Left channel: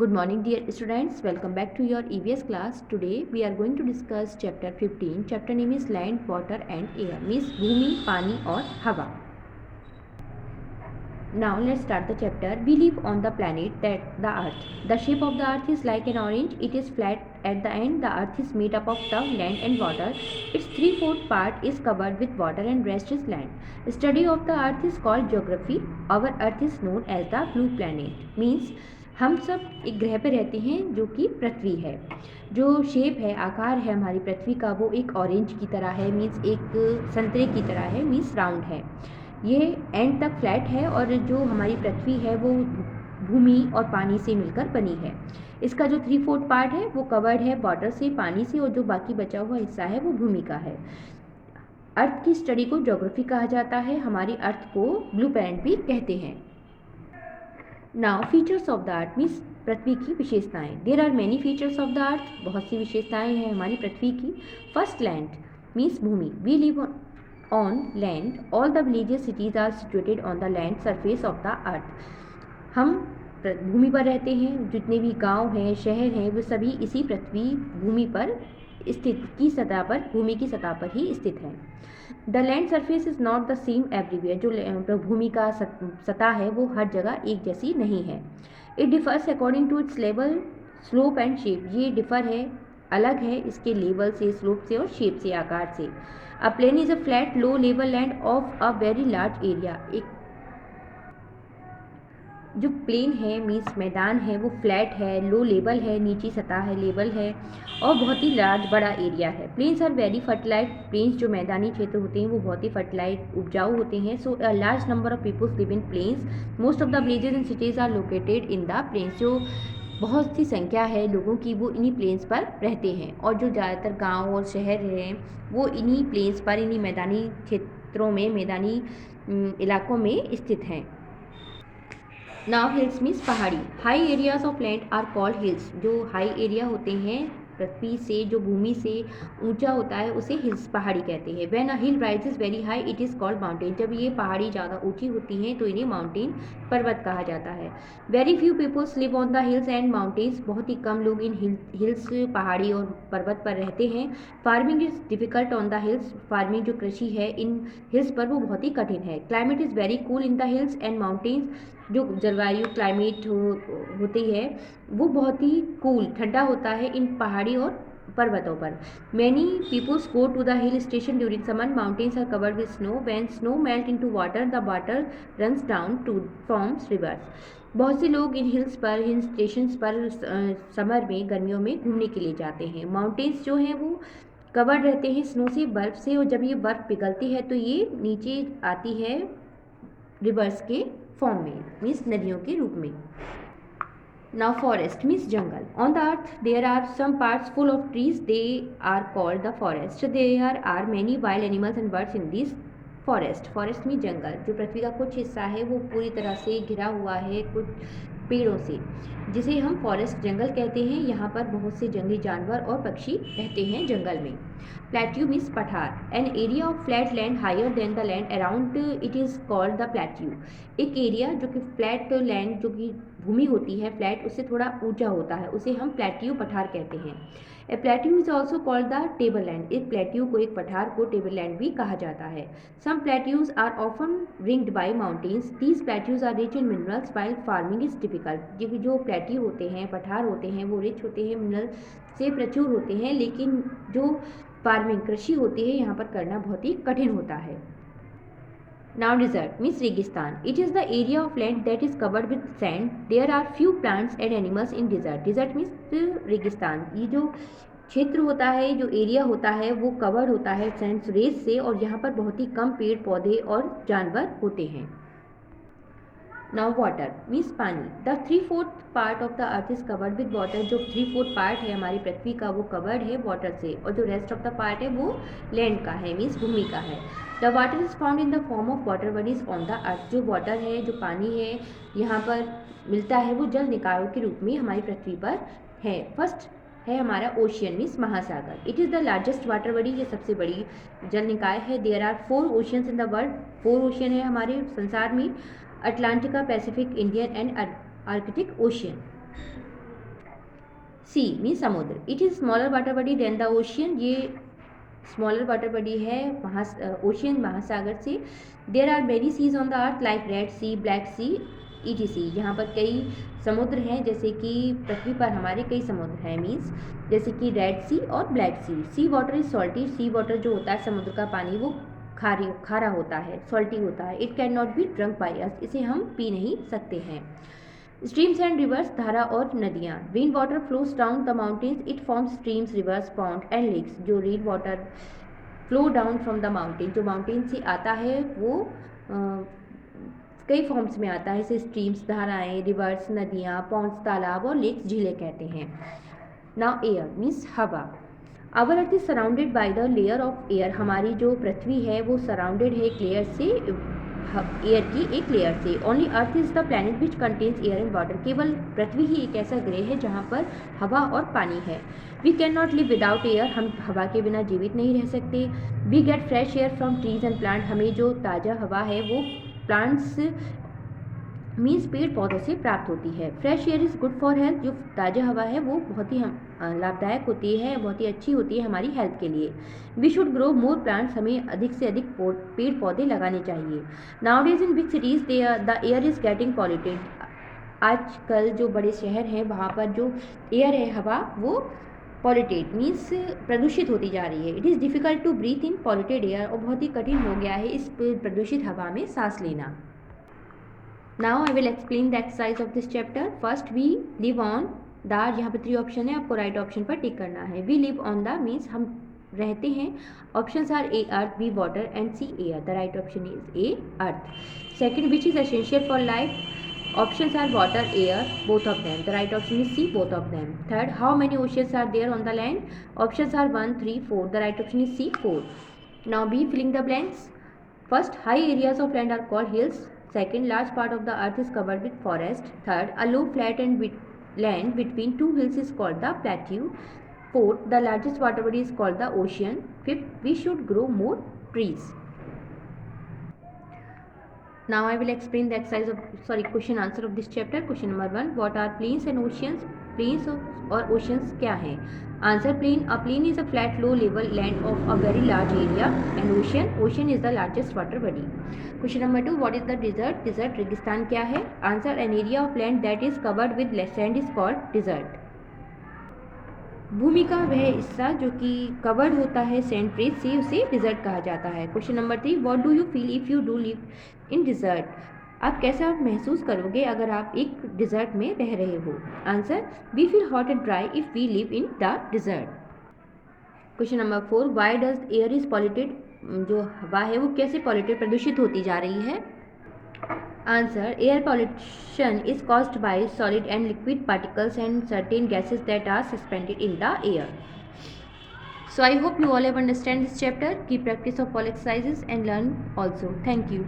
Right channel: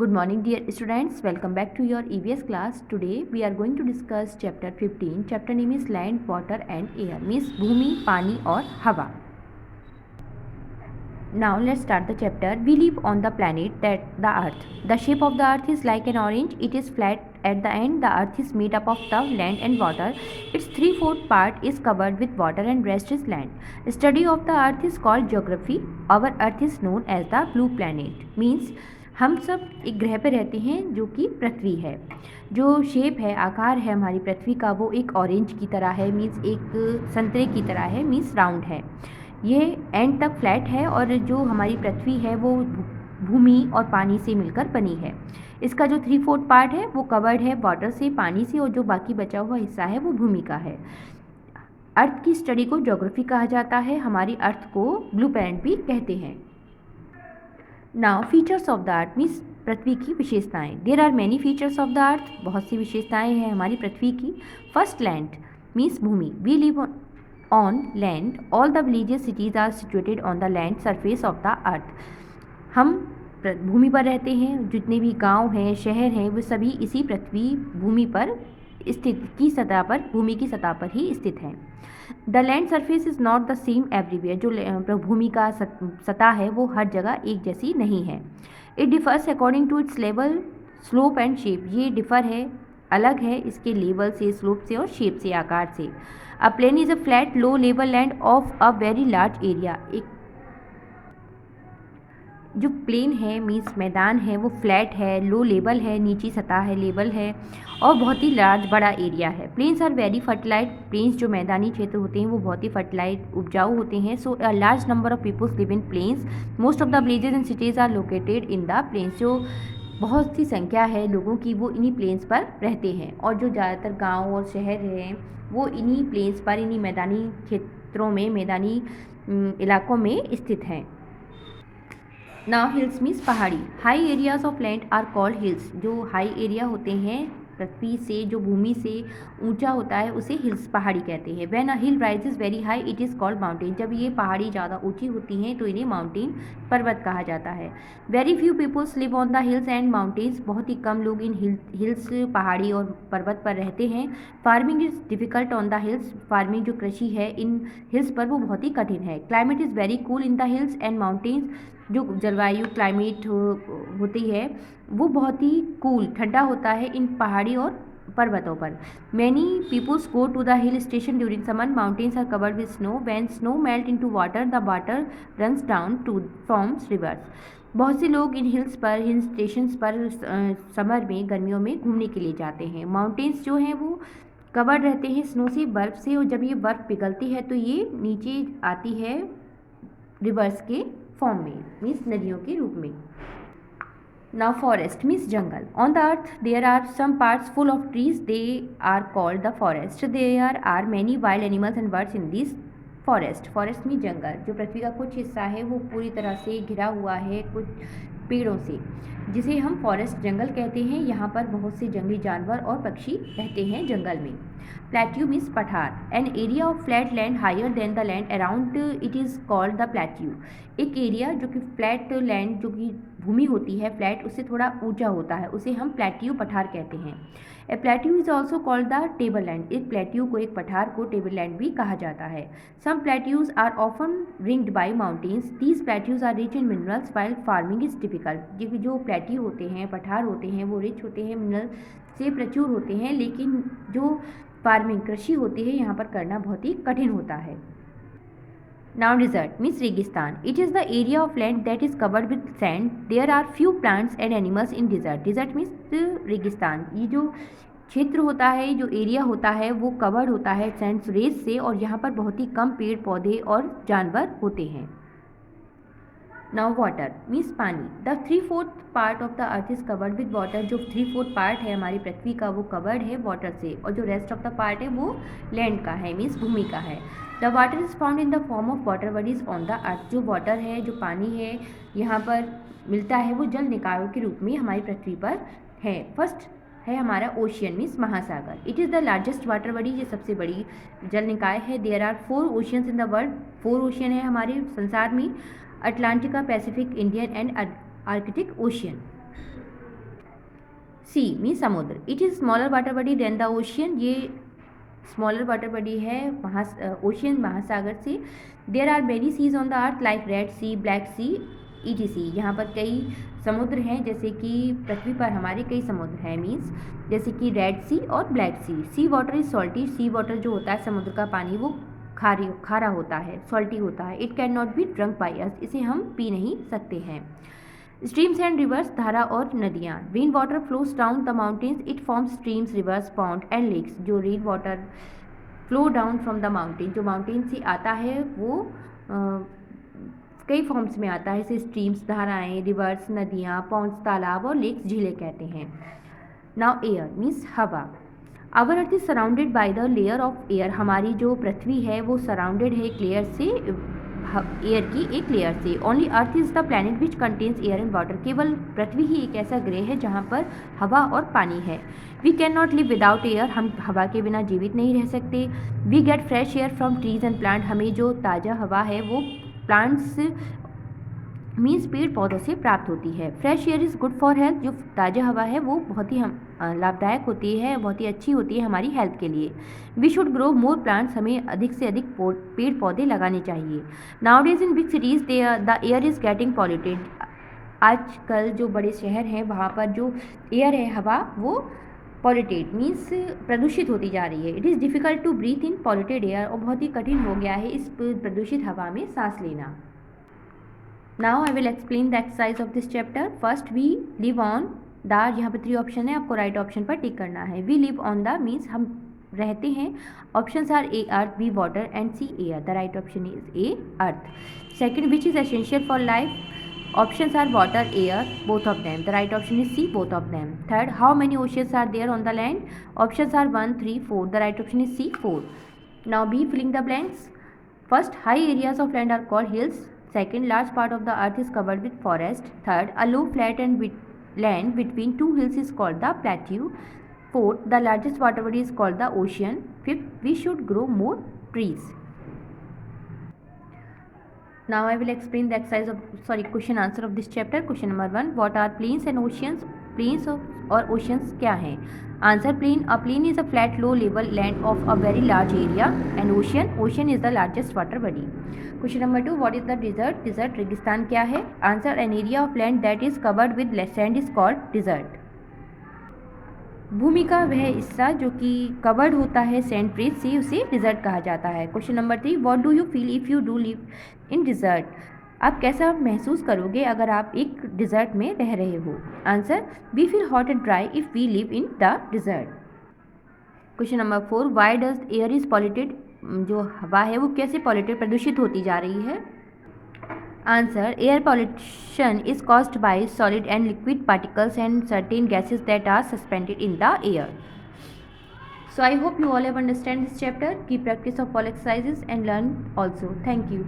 Good morning, dear students. Welcome back to your EVS class. Today we are going to discuss chapter 15. Chapter name is Land, Water and Air. Means भूमि, पानी और हवा. Now let's start the chapter. We live on the planet that the Earth. The shape of the Earth is like an orange. It is flat at the end. The Earth is made up of the land and water. Its 3/4 part is covered with water and rest is land. Study of the Earth is called geography. Our Earth is known as the blue planet. Means हम सब एक ग्रह पे रहते हैं जो कि पृथ्वी है. जो शेप है, आकार है हमारी पृथ्वी का, वो एक ऑरेंज की तरह है. मीन्स एक संतरे की तरह है. मीन्स राउंड है. ये एंड तक फ्लैट है और जो हमारी पृथ्वी है वो भूमि और पानी से मिलकर बनी है. इसका जो 3/4 पार्ट है वो कवर्ड है वाटर से, पानी से, और जो बाकी बचा हुआ हिस्सा है वो भूमि का है. अर्थ की स्टडी को ज्योग्राफी कहा जाता है. हमारी अर्थ को ब्लू प्लैनेट भी कहते हैं. Now features of the earth means पृथ्वी की विशेषताएं. There are many features of the earth. बहुत सी विशेषताएं हैं हमारी पृथ्वी की. फर्स्ट, लैंड मीन्स भूमि. We live on land. All the villages cities are situated on the land surface of the earth. हम भूमि पर रहते हैं. जितने भी गांव हैं, शहर हैं, वो सभी इसी पृथ्वी भूमि पर स्थित की सतह पर, भूमि की सतह पर ही स्थित हैं. The land surface is not the same everywhere. जो भूमि का सतह है वो हर जगह एक जैसी नहीं है. It differs according to its level, slope and shape. ये डिफर है, अलग है इसके लेवल से, स्लोप से और शेप से, आकार से. A plain is a flat low level land of a very large area. एक जो प्लेन है मीन्स मैदान है वो फ्लैट है, लो लेवल है, नीची सतह है, लेवल है, और बहुत ही लार्ज बड़ा एरिया है. Plains are very fertilize. Plains जो मैदानी क्षेत्र होते हैं वो बहुत ही फर्टिलाइज, उपजाऊ होते हैं. So a large number of peoples live in plains. Most of the villages and cities are located in the plains. जो बहुत सी संख्या है लोगों की वो इन्हीं प्लेन्स पर रहते हैं. और जो ज़्यादातर गाँव और शहर हैं वो इन्हीं प्लेन्स पर, इन्हीं मैदानी क्षेत्रों में, मैदानी इलाकों में स्थित हैं. नाउ हिल्स मीन्स पहाड़ी. High areas of land are called hills. जो हाई एरिया होते हैं पृथ्वी से, जो भूमि से ऊंचा होता है, उसे हिल्स, पहाड़ी कहते हैं. When a hill rises very high it is called mountain. जब ये पहाड़ी ज़्यादा ऊंची होती हैं तो इन्हें माउंटेन, पर्वत कहा जाता है. Very few peoples live on the hills and mountains. बहुत ही कम लोग इन हिल्स, पहाड़ी और पर्वत पर रहते हैं. Farming is difficult on the hills. Farming जो कृषि है इन हिल्स पर वो बहुत ही कठिन है. Climate is very cool in the hills and mountains. जो जलवायु, क्लाइमेट होती है वो बहुत ही कूल, ठंडा होता है इन पहाड़ी और पर्वतों पर. Many peoples go to the hill station during summer. Mountains are covered with snow. When snow melt into water the water runs down to forms rivers. बहुत से लोग इन हिल्स पर, हिल स्टेशंस पर समर में, गर्मियों में घूमने के लिए जाते हैं. माउंटेन्स जो हैं वो कवर्ड रहते हैं स्नो से, बर्फ़ से, और जब ये बर्फ़ पिघलती है तो ये नीचे आती है रिवर्स के फॉर्म में, मीन्स नदियों के रूप में. नाउ फॉरेस्ट मीन्स जंगल. On the earth there are some parts full of trees. They are called the forest. There are many wild animals and birds in this forest. Forest means जंगल. जो पृथ्वी का कुछ हिस्सा है वो पूरी तरह से घिरा हुआ है कुछ पेड़ों से, जिसे हम फॉरेस्ट, जंगल कहते हैं. यहाँ पर बहुत से जंगली जानवर और पक्षी रहते हैं जंगल में. प्लेट्यू मीन्स पठार. An area of flat land higher than the land around it is called the plateau. एक एरिया जो कि फ्लैट लैंड, जो कि भूमि होती है फ्लैट, उससे थोड़ा ऊंचा होता है, उसे हम प्लेट्यू, पठार कहते हैं. A plateau is also called the table land. एक प्लेट्यू को, एक पठार को टेबल लैंड भी कहा जाता है. Some plateaus are often ringed by mountains. These plateaus are rich in minerals while farming is difficult. जो प्लेट्यू होते हैं, पठार होते हैं, वो रिच होते हैं, मिनरल से प्रचुर होते हैं, लेकिन जो फार्मिंग, कृषि होती है, यहाँ पर करना बहुत ही कठिन होता है. Now desert means रेगिस्तान. It is the area of land that is covered with sand. There are few plants and animals in desert. Desert means रेगिस्तान. ये जो क्षेत्र होता है, जो एरिया होता है, वो कवर्ड होता है सैंड, रेत से, और यहाँ पर बहुत ही कम पेड़ पौधे और जानवर होते हैं. नाउ वाटर मीन्स पानी. The 3/4 part of the earth is covered with water. जो 3/4 पार्ट है हमारी पृथ्वी का वो कवर्ड है वाटर से, और जो रेस्ट ऑफ द पार्ट है वो लैंड का है, मीन्स भूमि का है. The water is found in the form of water bodies on the अर्थ. जो वाटर है, जो पानी है यहाँ पर मिलता है, वो जल निकायों के रूप में हमारी पृथ्वी पर है. फर्स्ट है हमारा ओशियन मीन्स महासागर. It is the largest water body. ये सबसे बड़ी जल निकाय है. There are 4 oceans in the world. 4 ocean है हमारे संसार में. Atlantica, Pacific, Indian and Arctic ocean. Sea means समुद्र। It is smaller water body than the ocean, ये स्मॉलर वाटर बॉडी है ओशियन महासागर से। There are many seas on the earth like Red Sea, Black Sea, ETC। यहाँ पर कई समुद्र हैं, जैसे कि पृथ्वी पर हमारे कई समुद्र हैं, मीन्स जैसे कि रेड सी और black sea. Sea water is salty, sea water जो होता है समुद्र का पानी वो खारा होता है, सॉल्टी होता है। It can not be drunk by us, इसे हम पी नहीं सकते हैं। स्ट्रीम्स एंड रिवर्स, धारा और नदियाँ। Rain water flows down the mountains, it forms streams, rivers, pond and lakes. जो rain water flow down from the mountain, जो माउंटेन से आता है वो कई फॉर्म्स में आता है, जैसे स्ट्रीम्स, धाराएं, रिवर्स, नदियाँ, पॉन्ड्स, तालाब और लेक्स, झीलें कहते हैं। नाउ एयर मीन्स हवा। Our earth is surrounded by the layer of air, हमारी जो पृथ्वी है वो सराउंडेड है एक लेयर से, एयर की एक लेयर से। Only earth is the planet which contains air and water, केवल पृथ्वी ही एक ऐसा ग्रह है जहाँ पर हवा और पानी है। We can not live without air, हम हवा के बिना जीवित नहीं रह सकते। We get fresh air from trees and plant, हमें जो ताज़ा हवा है वो प्लांट्स मीन्स पेड़ पौधों से प्राप्त होती है। Fresh air is good for health, जो ताज़ा हवा है वो बहुत ही लाभदायक होती है, बहुत ही अच्छी होती है हमारी हेल्थ के लिए। We should grow more plants, हमें अधिक से अधिक पेड़ पौधे लगाने चाहिए। Nowadays in big cities the air is getting polluted, आजकल जो बड़े शहर हैं वहाँ पर जो एयर है, हवा, वो पॉल्यूटेड मीन्स प्रदूषित होती जा रही है। It is difficult to breathe in polluted air, और बहुत ही कठिन हो गया है इस प्रदूषित हवा में सांस लेना। Now I will explain the exercise of this chapter. First we live on the, यहाँ पे 3 ऑप्शन है, आपको राइट ऑप्शन पर टिक करना है। We live on the means हम रहते हैं। Options are A earth, B water and C air. The right option is A earth. Second, which is essential for life, options are water, air, both of them. The right option is C both of them. Third, how many oceans are there on the land, options are 1, 3, 4। The right option is C 4। Now B, filling the blanks. First, high areas of land are called hills. Second, large part of the earth is covered with forest. Third, a low flat and land between two hills is called the plateau. Fourth, the largest water body is called the ocean. Fifth, we should grow more trees. Now I will explain the exercise of question answer of this chapter. Question number 1, what are plains and oceans? Plains और oceans क्या हैं? Answer, plain. A plain is a flat, low level land of a very large area. And ocean is the largest water body. Question number 2, what is the desert? Desert रेगिस्तान क्या है? Answer, an area of land that is covered with sand is called desert. भूमि का वह हिस्सा जो कि covered होता है सैंड रेत से, उसे डिजर्ट कहा जाता है। Question number 3, what do you feel if you do live in desert? आप कैसा महसूस करोगे अगर आप एक डिजर्ट में रह रहे हो? Answer, we feel hot and dry if we live in the desert. Question number 4, why does air is polluted? जो हवा है वो कैसे पॉल्यूटेड, प्रदूषित होती जा रही है? Answer, air pollution is caused by solid and liquid particles and certain gases that are suspended in the air. So I hope you all have understand this chapter. Keep practice of all exercises and learn also. Thank you.